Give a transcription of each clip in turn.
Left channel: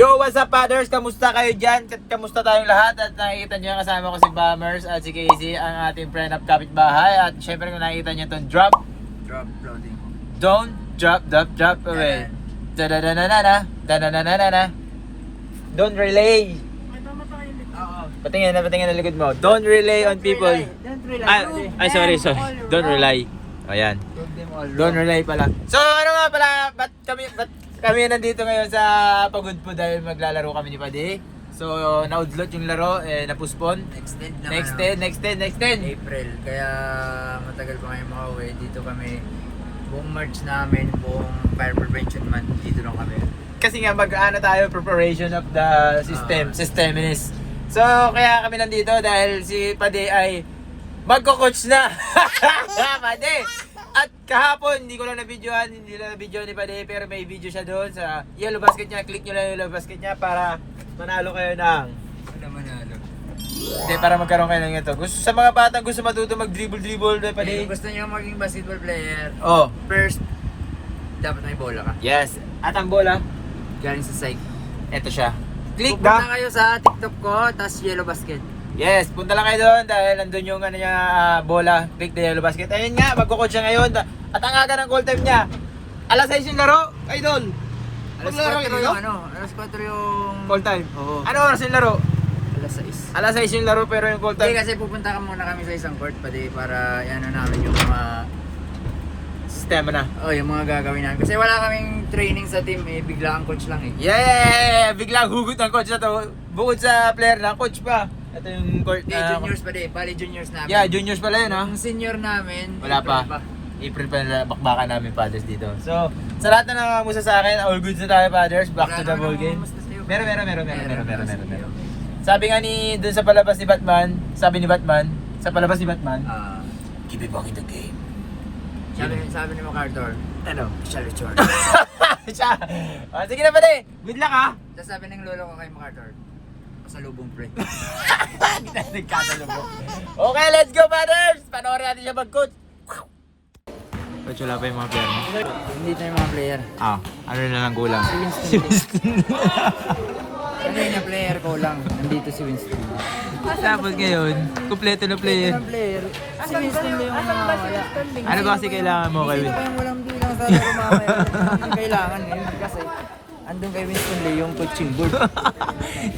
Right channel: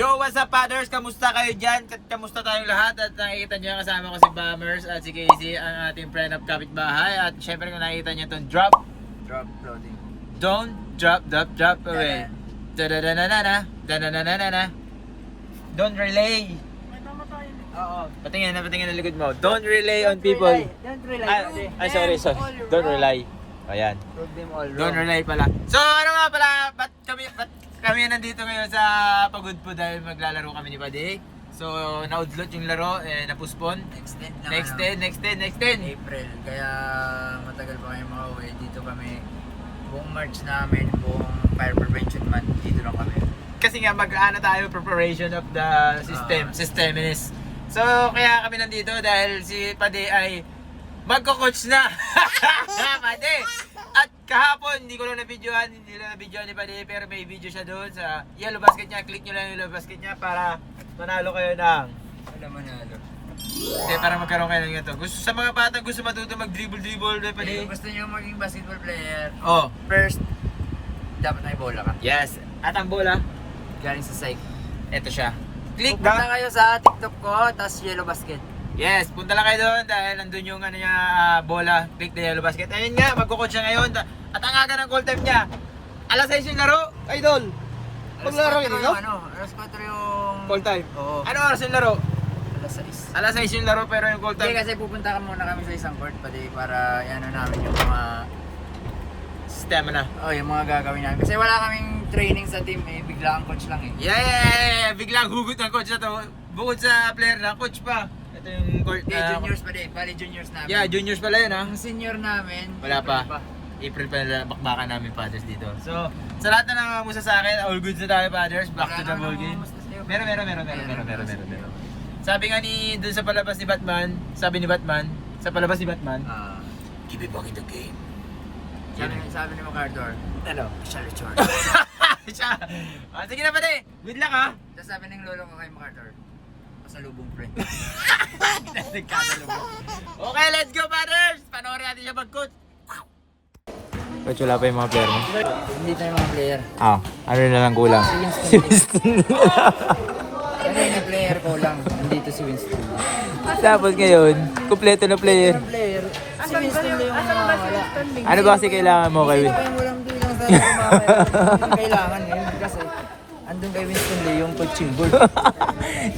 Yo, what's up, fathers? Kamusta kayo dyan? Kamusta tayong lahat? At nakikita nyo kasama ko si Bombers at si Casey, ang ating friend of kapitbahay. At syempre kung nakikita nyo itong drop Loading. Don't drop away. Da-da-da-da-da-da. Da-da-da-da-da-da. Don't relay. Oo. Patingin na likod mo. Don't relay on people. Don't rely. Ay, sorry. Don't rely. Ayan. Don't relay pala. So, ano nga pala, ba't kami nandito ngayon sa Pagod po dahil maglalaro kami ni Padi. So, naudlot yung laro, napuspon. Next 10 Next 10. April. Kaya matagal pa kayo makauwi. Dito kami. Buong March namin, buong Fire Prevention Month, dito lang kami. Kasi nga mag-ano tayo, preparation of the systeminist. So, kaya kami nandito dahil si Padi ay magko-coach na. Padi! At kahapon, hindi na na-video ni Padi, pero may video siya doon sa yellow basket niya. Click nyo lang yung yellow basket niya para manalo kayo ng... Ano manalo? Hindi, para magkaroon kayo ng ito. Sa mga batang gusto matuto mag-dribble na Padi. Kung gusto nyo maging basketball player, Oh, first, dapat may bola ka. yes. At ang bola, Galing sa site. ito siya. Click Pupunta ba? kayo sa TikTok ko, tas yellow basket. Yes, punta lang kayo doon dahil nandun yung ano niya, bola, click the yellow basket. Ayun nga, magkukod siya ngayon. At ang aga ng call time niya, alas 6 yung laro, idol. Alas Maglaro 4 kayo, yung ano, alas 4 yung... call time. Oo. Ano oras yung laro? Alas 6. Alas 6 yung laro pero yung call Hindi time. kasi pupunta ka muna kami sa isang court pati para yan namin yung mga Sistema na. yung mga gagawin namin. Kasi wala kaming training sa team bigla ang coach lang eh. Yeah! Biglang hugot ang coach na to. Bukod sa player na, coach pa. Ito yung court Hindi, juniors pa din. Bali juniors namin. Yeah, juniors pala yun ha. Ang senior namin, Wala pa. April pa na bakbakan namin fathers dito. So, sa lahat na nangangamusta sa akin, all goods na tayo fathers. Back to the ball game. Meron. Sabi nga dun sa palabas ni Batman, sa palabas ni Batman, keep it back in the game. Sabi ni MacArthur, Ano? Charlie Chor. Siya. Sige na pala. Good luck ha. Tapos sabi ng lolo ko kay MacArthur, pasalubong friend. Nagkasalubong. Okay, let's go fathers. Panoorin natin siya mag-coach. Coach, wala pa yung mga player mo? Hindi na yung mga player. Ano na lang kulang? Si Winston. Ano yung player ko lang. Nandito si Winston. Tapos ngayon, kumpleto na player. Player, si Winston lang yung nawawala. Ano ba kasi kailangan mo kay Win? Walang bilang sa mga kailangan eh. Kasi andun kay Winston Lee yung coaching board.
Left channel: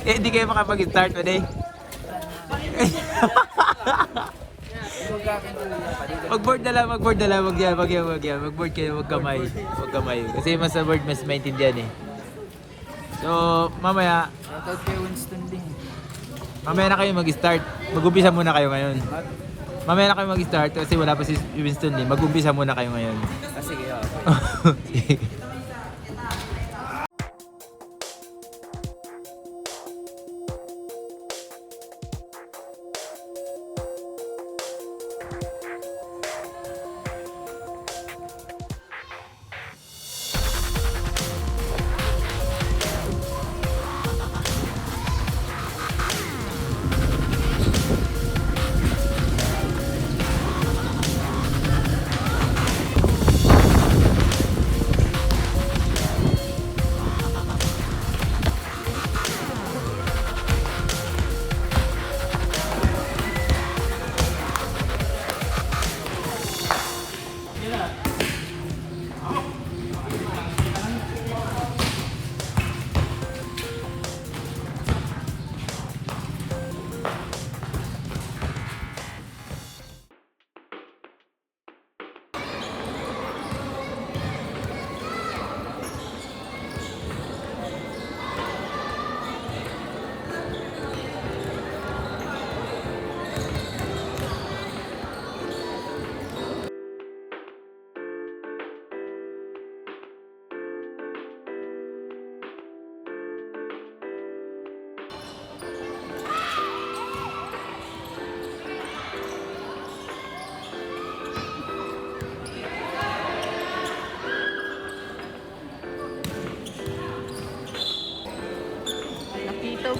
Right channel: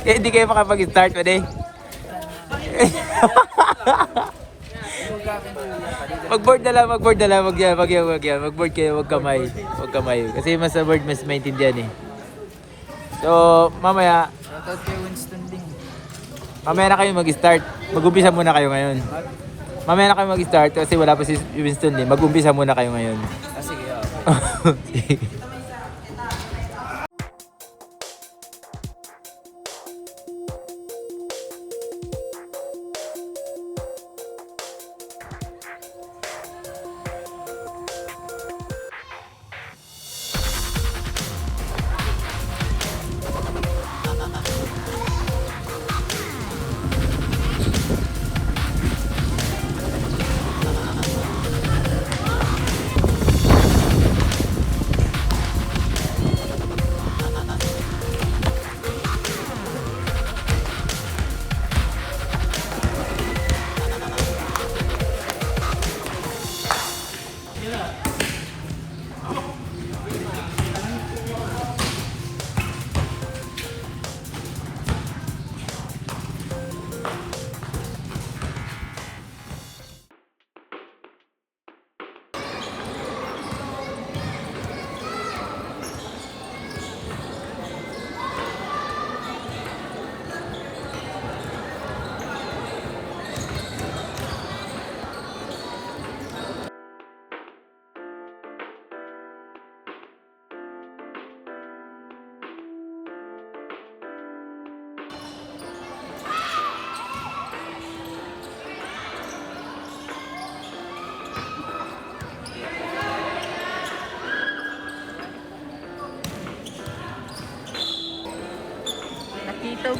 Eh, hindi kayo makapag-start pa din. Mag-board na lang. Wag yan. Mag-board kayo, wag kamay. Kasi mas sa board, mas maintindihan eh. So, mamaya Kay Winston Lee. na kayo mag-start. Mag-umpisa muna kayo ngayon. Mamaya na kayo mag-start kasi wala pa si Winston Lee. Mag-umpisa muna kayo ngayon. Sige, Nakito.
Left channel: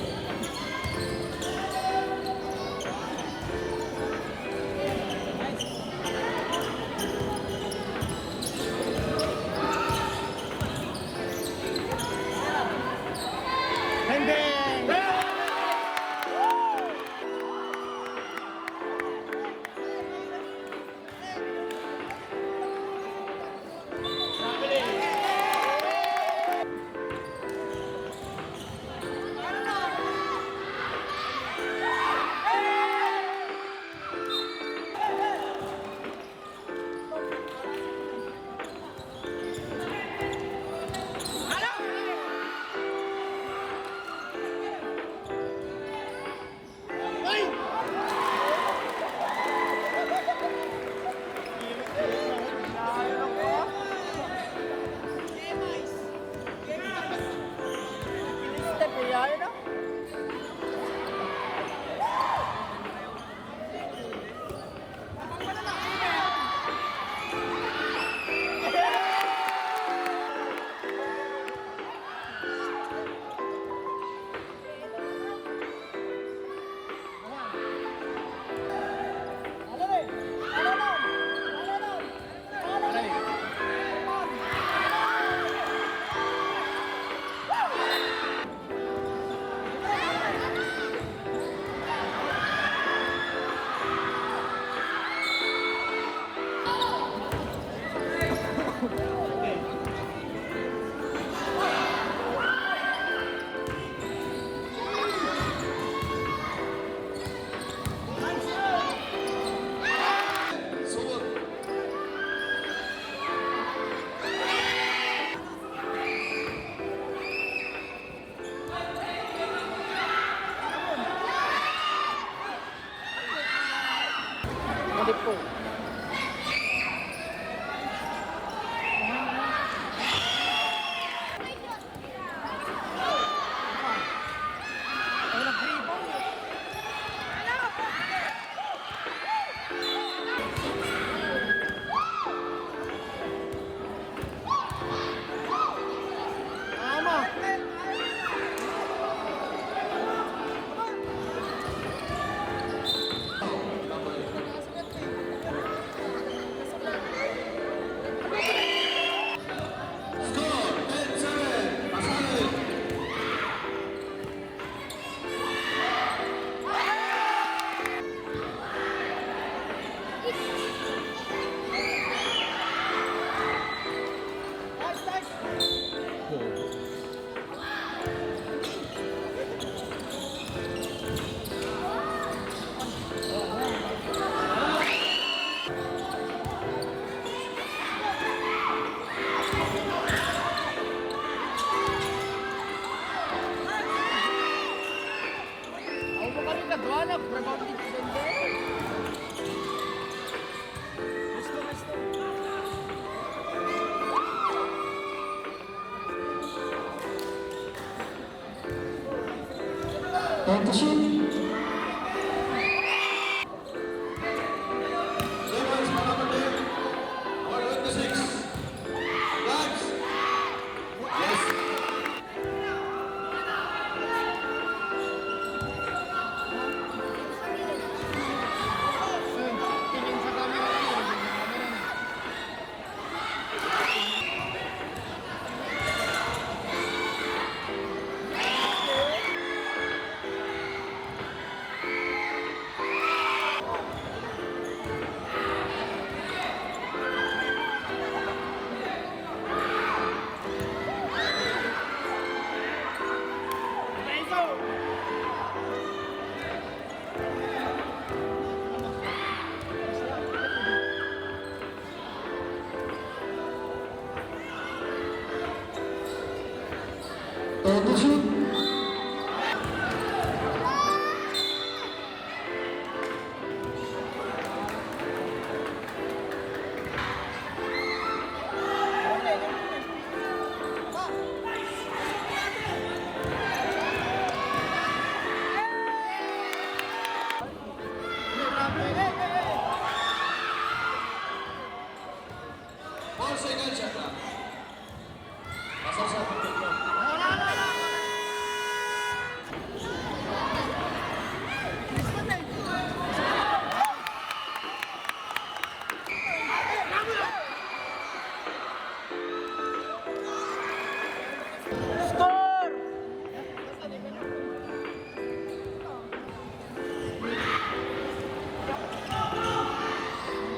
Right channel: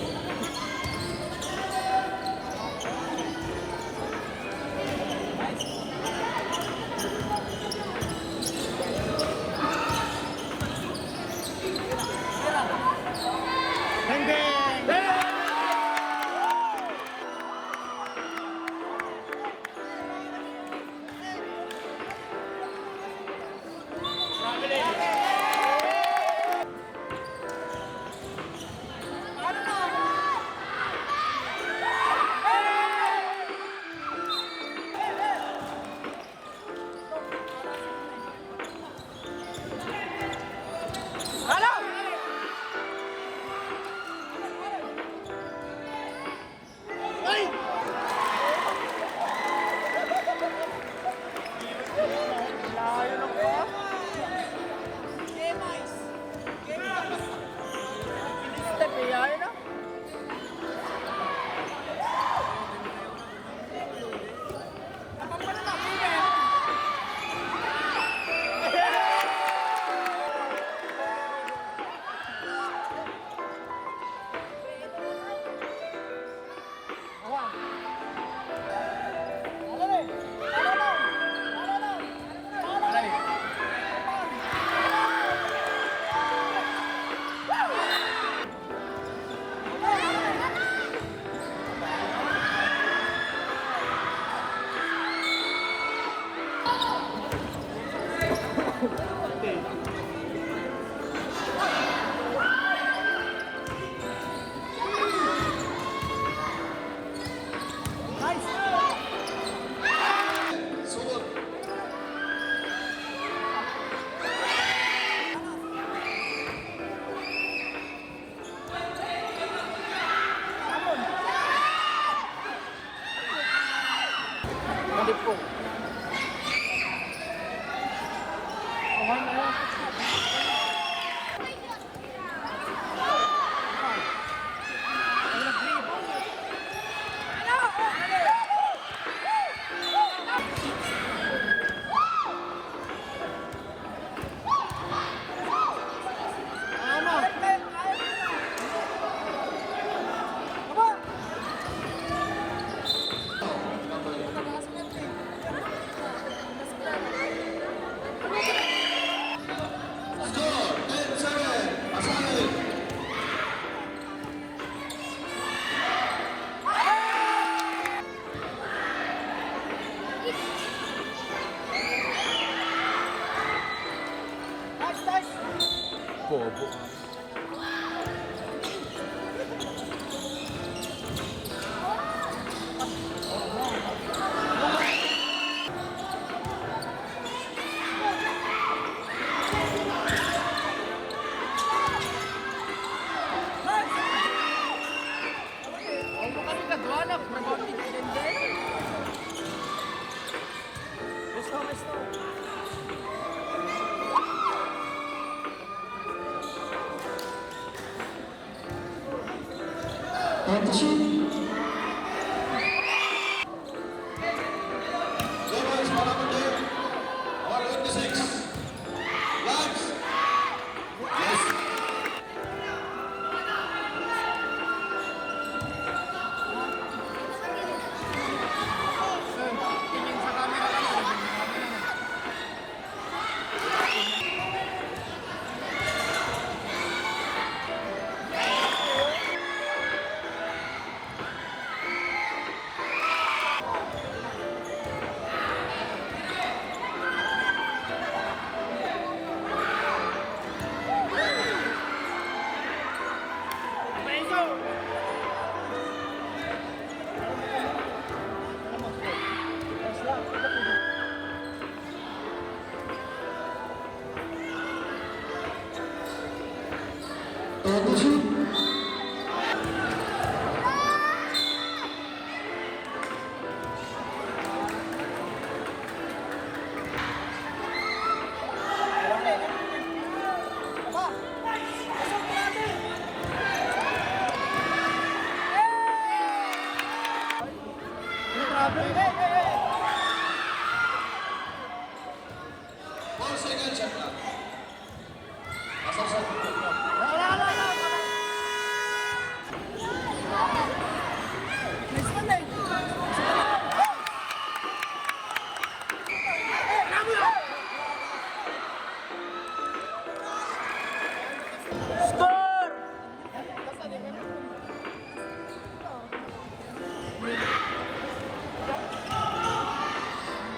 Kaya na. Hindi po.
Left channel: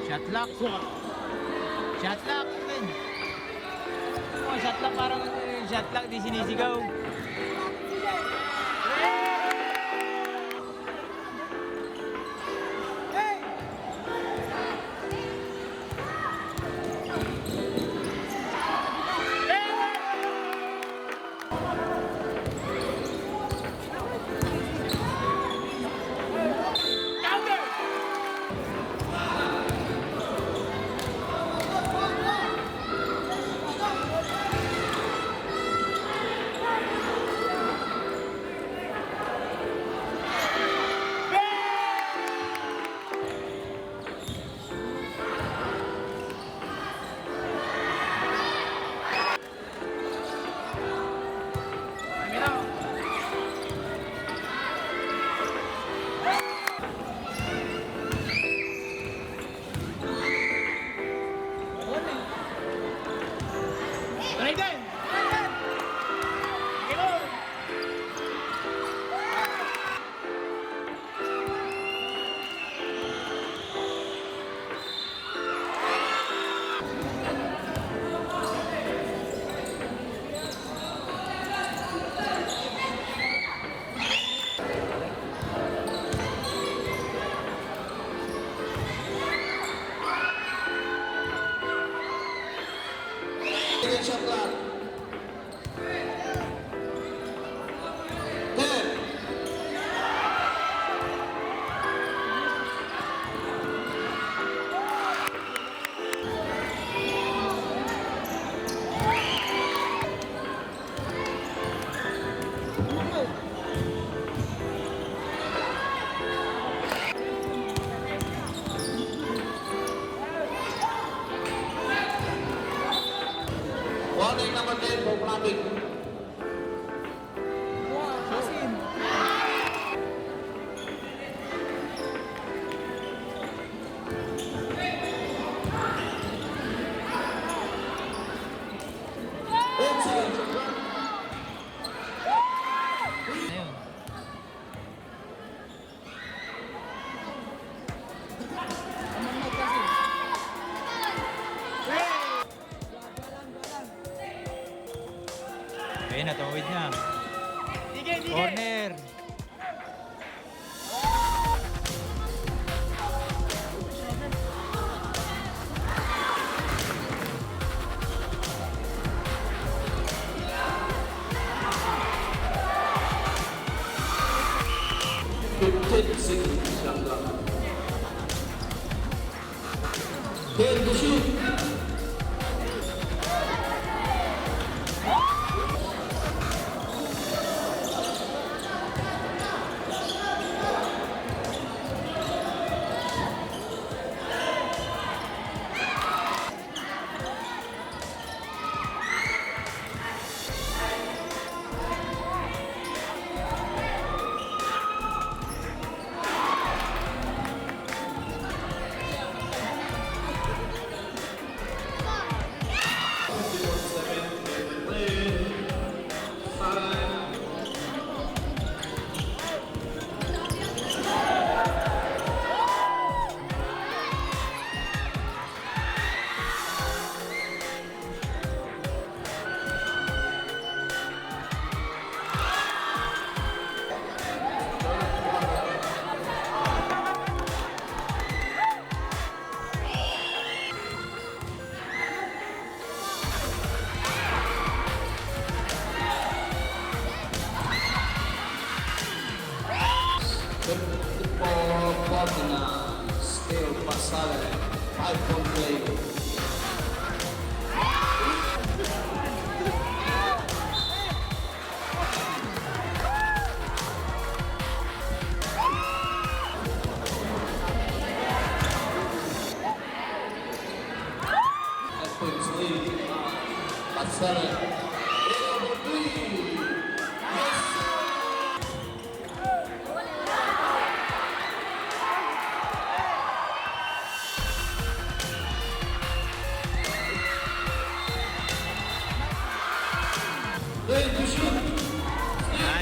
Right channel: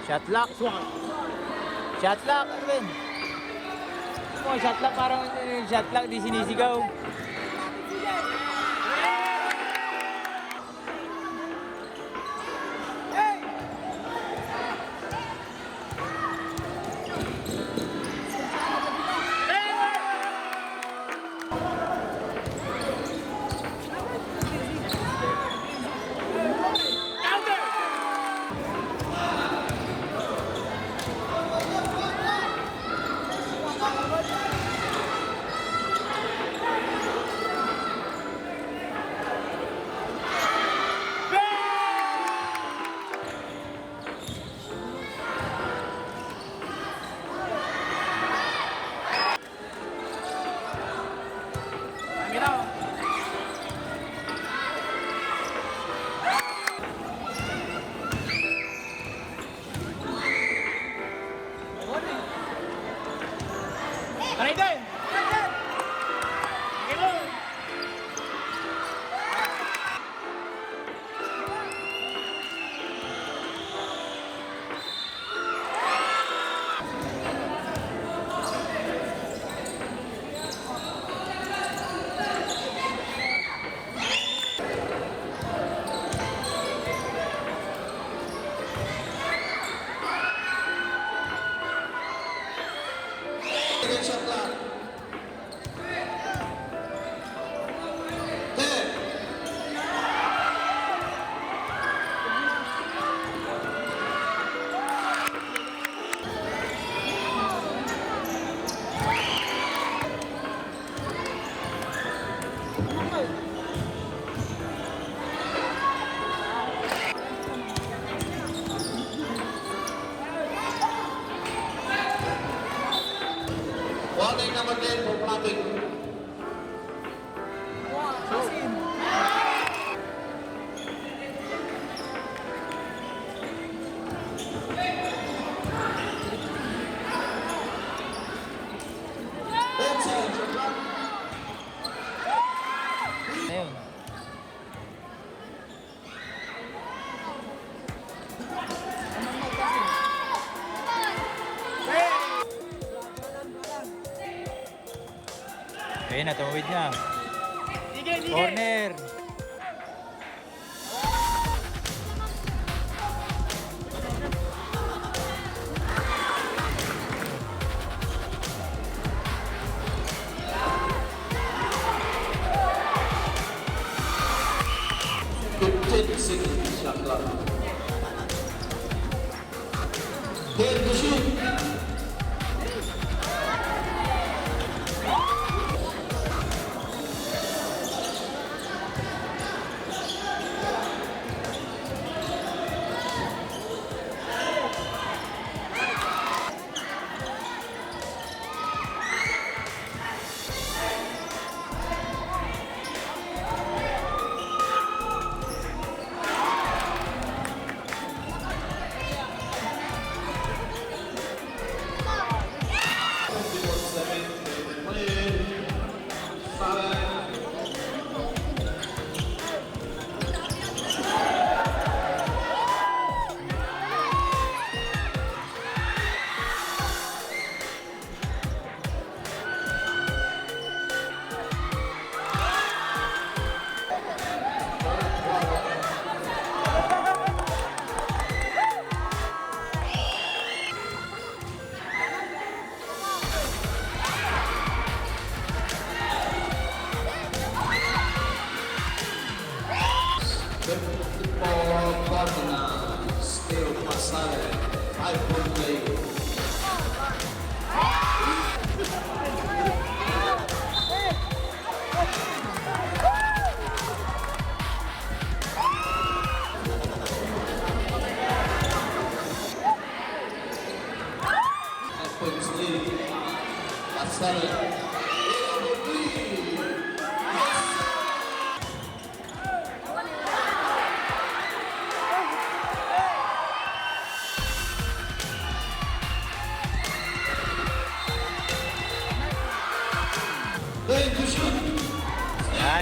Shot lock. Shot lock, Edwin. Oh, shot lock parang shot lock di sinisigaw. Corner.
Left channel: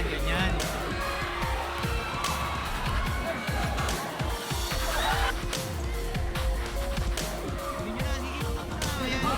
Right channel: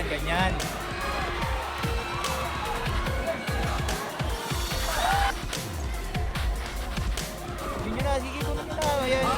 Ganyan. Sige na, sige ko na. Ayan.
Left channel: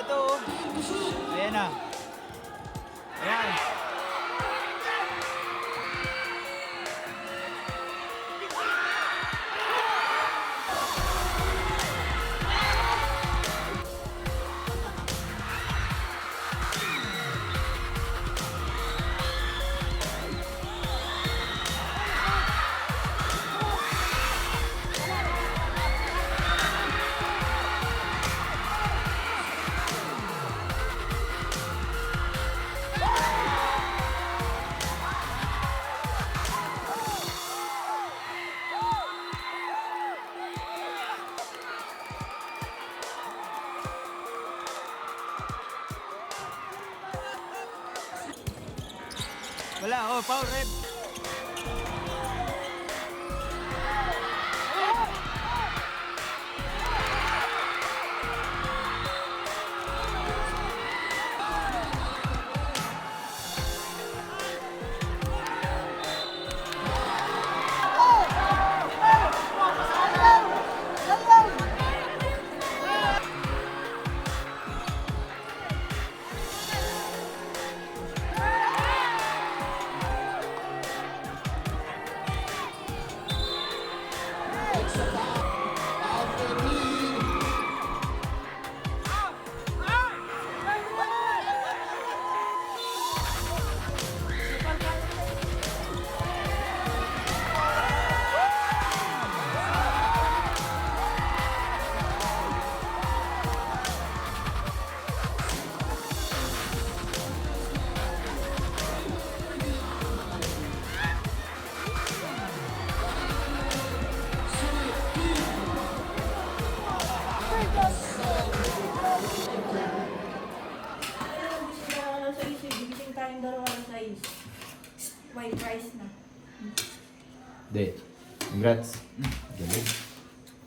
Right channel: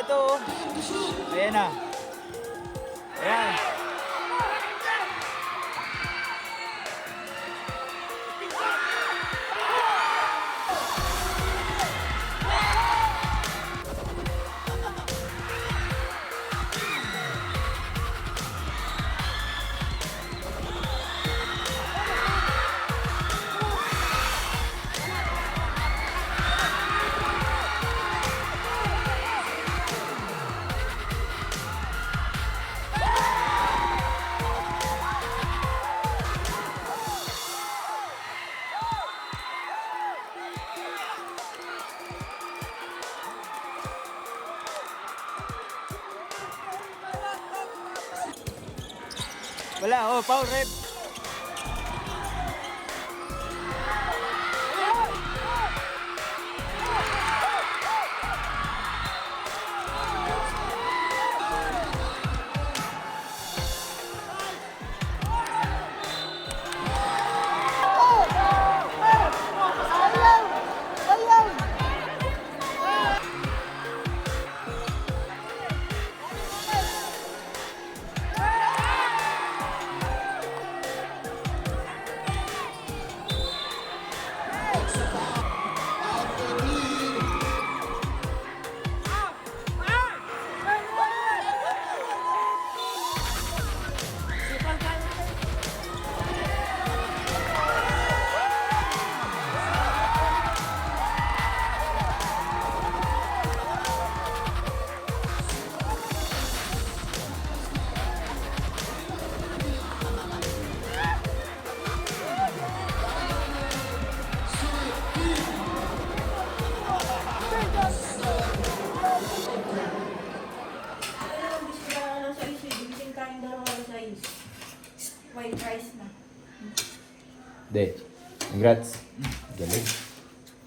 Ito, ayan na. Ayan. Wala, oh, foul red. rice. White rice na. Hindi. Congrats. Galing.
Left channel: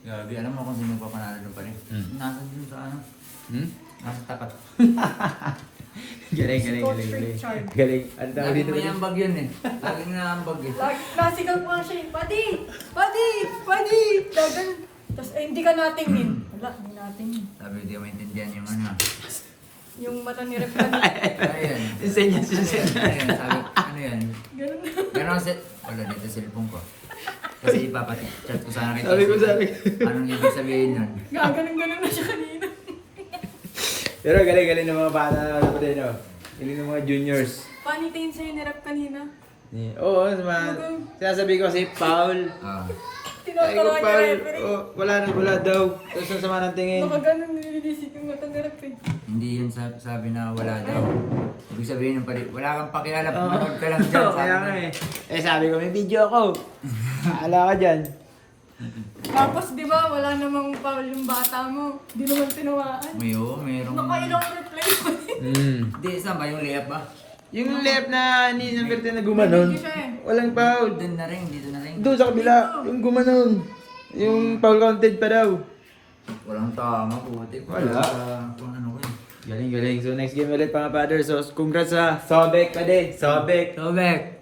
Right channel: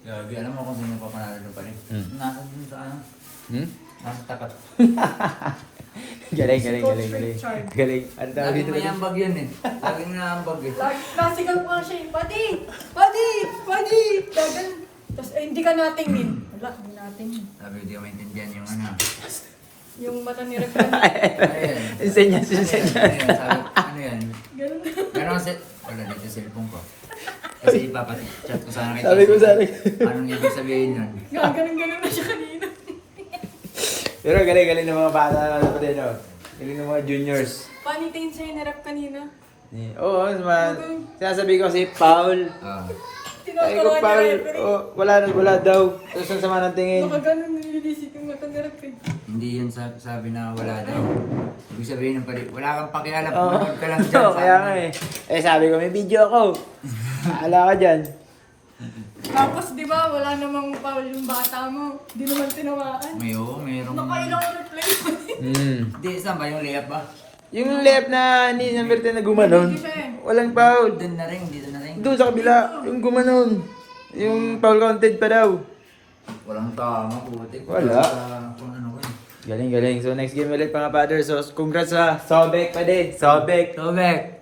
Gabi, alam mo kung sino pa panalo pa rin. Nasa dun sa ano? Hmm? Nasa tapat. Galing, galing, Coach galing. Galing. Richard. Galing. Ang dami Lagi dito may ba ambag yun eh. Lagi may ambag eh. Nasigaw pa siya eh. Pati! Pati! Pati! Dagan. Tapos hindi ka natingin. Wala, hindi natingin. Sabi, hindi ko maintindihan yung ano. Yung mata ni Rep kanina. Ano yan? Senyas, Ano yan? senyas. Ano yan? Sabi, ano yan? Ganun. Meron kasi, wala dito cellphone ko. Kasi ipapati-chat ko sana kay Sabi ko, Jesse. sabi. Anong ibig sabihin nun? Ganun na siya kanina. Pero galing, galing ng mga bata na pa din, oh. Galing ng mga juniors. Paano tingin sa'yo ni Rep kanina? Oo, sinasabi ko kasi foul. Ah. Sabi ko foul. Oh, wala daw. Tapos ang sama ng tingin. Baka ganun nililisik yung mata ni Rep eh. Hindi yun sabi na wala daw. Ibig sabihin ng pali, wala kang pakialam, manood ka lang dyan. Oo, kaya nga eh. Eh sabi ko, may video ako. Ala ka dyan. Tapos di ba wala namang foul yung bata mo. Di naman tinawaan. Mayroong... Nakailang replay mo eh. Hindi, saan ba yung layup ba? Yung left na ni number 10 na gumanon, walang foul. Doon na rin, dito na rin. Doon sa kabila, yung gumanon. Yung foul counted pa daw. Walang tama, putik. Wala. Kung ano ko eh. Galing, galing. So next game ulit mga father. So congrats sa Sobek pa din. Sobek. Sobek!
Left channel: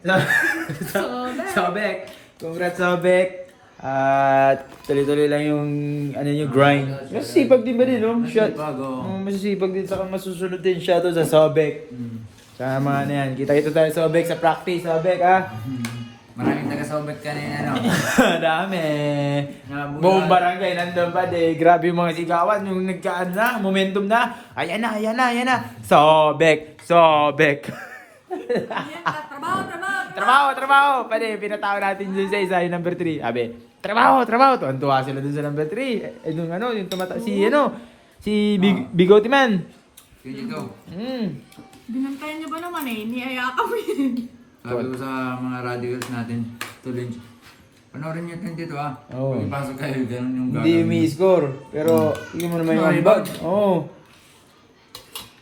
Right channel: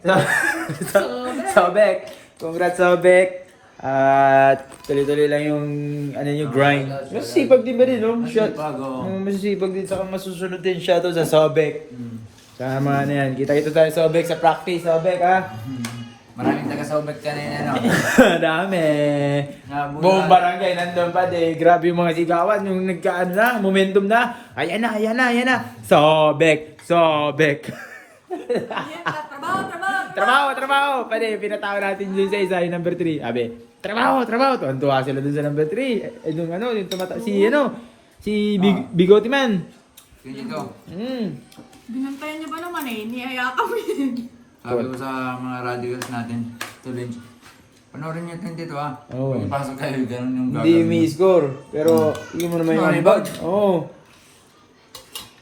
Sobek. Congrats Sobek. At tuloy-tuloy lang yung ano yung grind. Masisipag din ba din, no? Shot. Masisipag, oo. Masisipag din. Saka masusunod din siya to sa Sobek. Sa mga ano yan. Kita-kita tayo Sobek sa practice. Sobek, ha? Maraming taga-sobek kanina, no? Dami. Buong barangay nandun pa de. Grabe yung mga sigawan. Yung nagkaan na, momentum na. Ayan na, ayan na, ayan na. Sobek, Sobek. Trabaho. Pwede, pinatawag natin dun sa isa, yung number 3. Sabi, trabaho. Tuwan-tuwa sila dun sa number 3. Eh, yung ano, yung si Bigote Man. Kaya ikaw. Binantayan niyo ba naman eh? Niyayakap yun. Sabi ko sa mga radicals natin, tuloy. Panoorin niyo ito dito ha. Oo. Pag ipasok kayo, ganun yung Hindi may-score. Pero, hindi mo naman yung Sorry, ibag. Oo.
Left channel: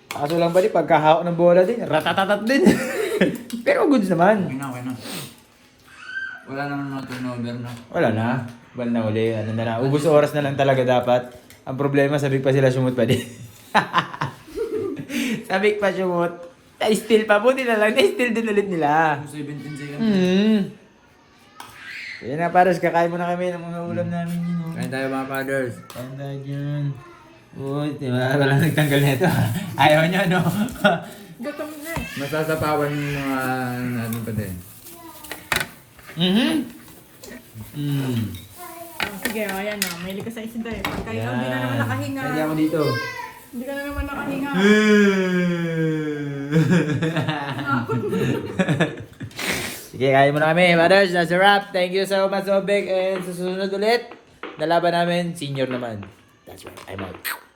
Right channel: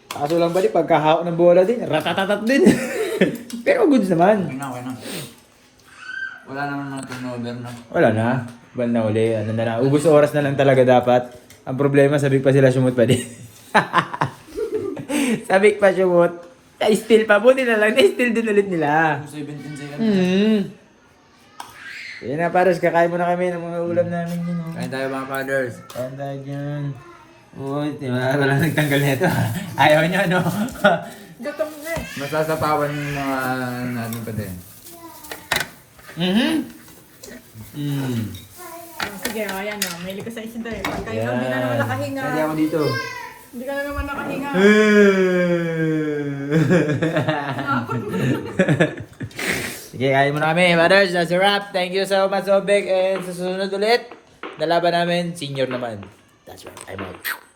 Kaso lang ba di, pagkahawak ng bola din, ratatatat din. Pero goods naman. Okay na. Wala naman mga turnover na. Wala na. Bal na uli. Ano na lang. Ubus oras na lang talaga dapat. Ang problema, sabik pa sila sumut pa din. Sabik pa sumut. Na-steal pa. Buti na lang. Na-steal din ulit nila. 17 seconds. Sige na pares, kakain muna kami ng mga ulam namin yun. Oh. Kain tayo mga fathers. Kain tayo dyan. Uy, diba? Walang nagtanggal nito. Ayaw nyo, no? Gatam na eh. Masasapawan yung mga natin pa din. Sige, ayan na. Mahilig ko sa isinta eh. Kahit hindi na naman nakahinga. Kaya ako dito. Hindi ka na naman nakahinga. Sige, kain muna kami. Brothers, that's a wrap. Thank you so much, Obek. And sa susunod ulit, nalaban namin, senior naman. That's right, I'm out.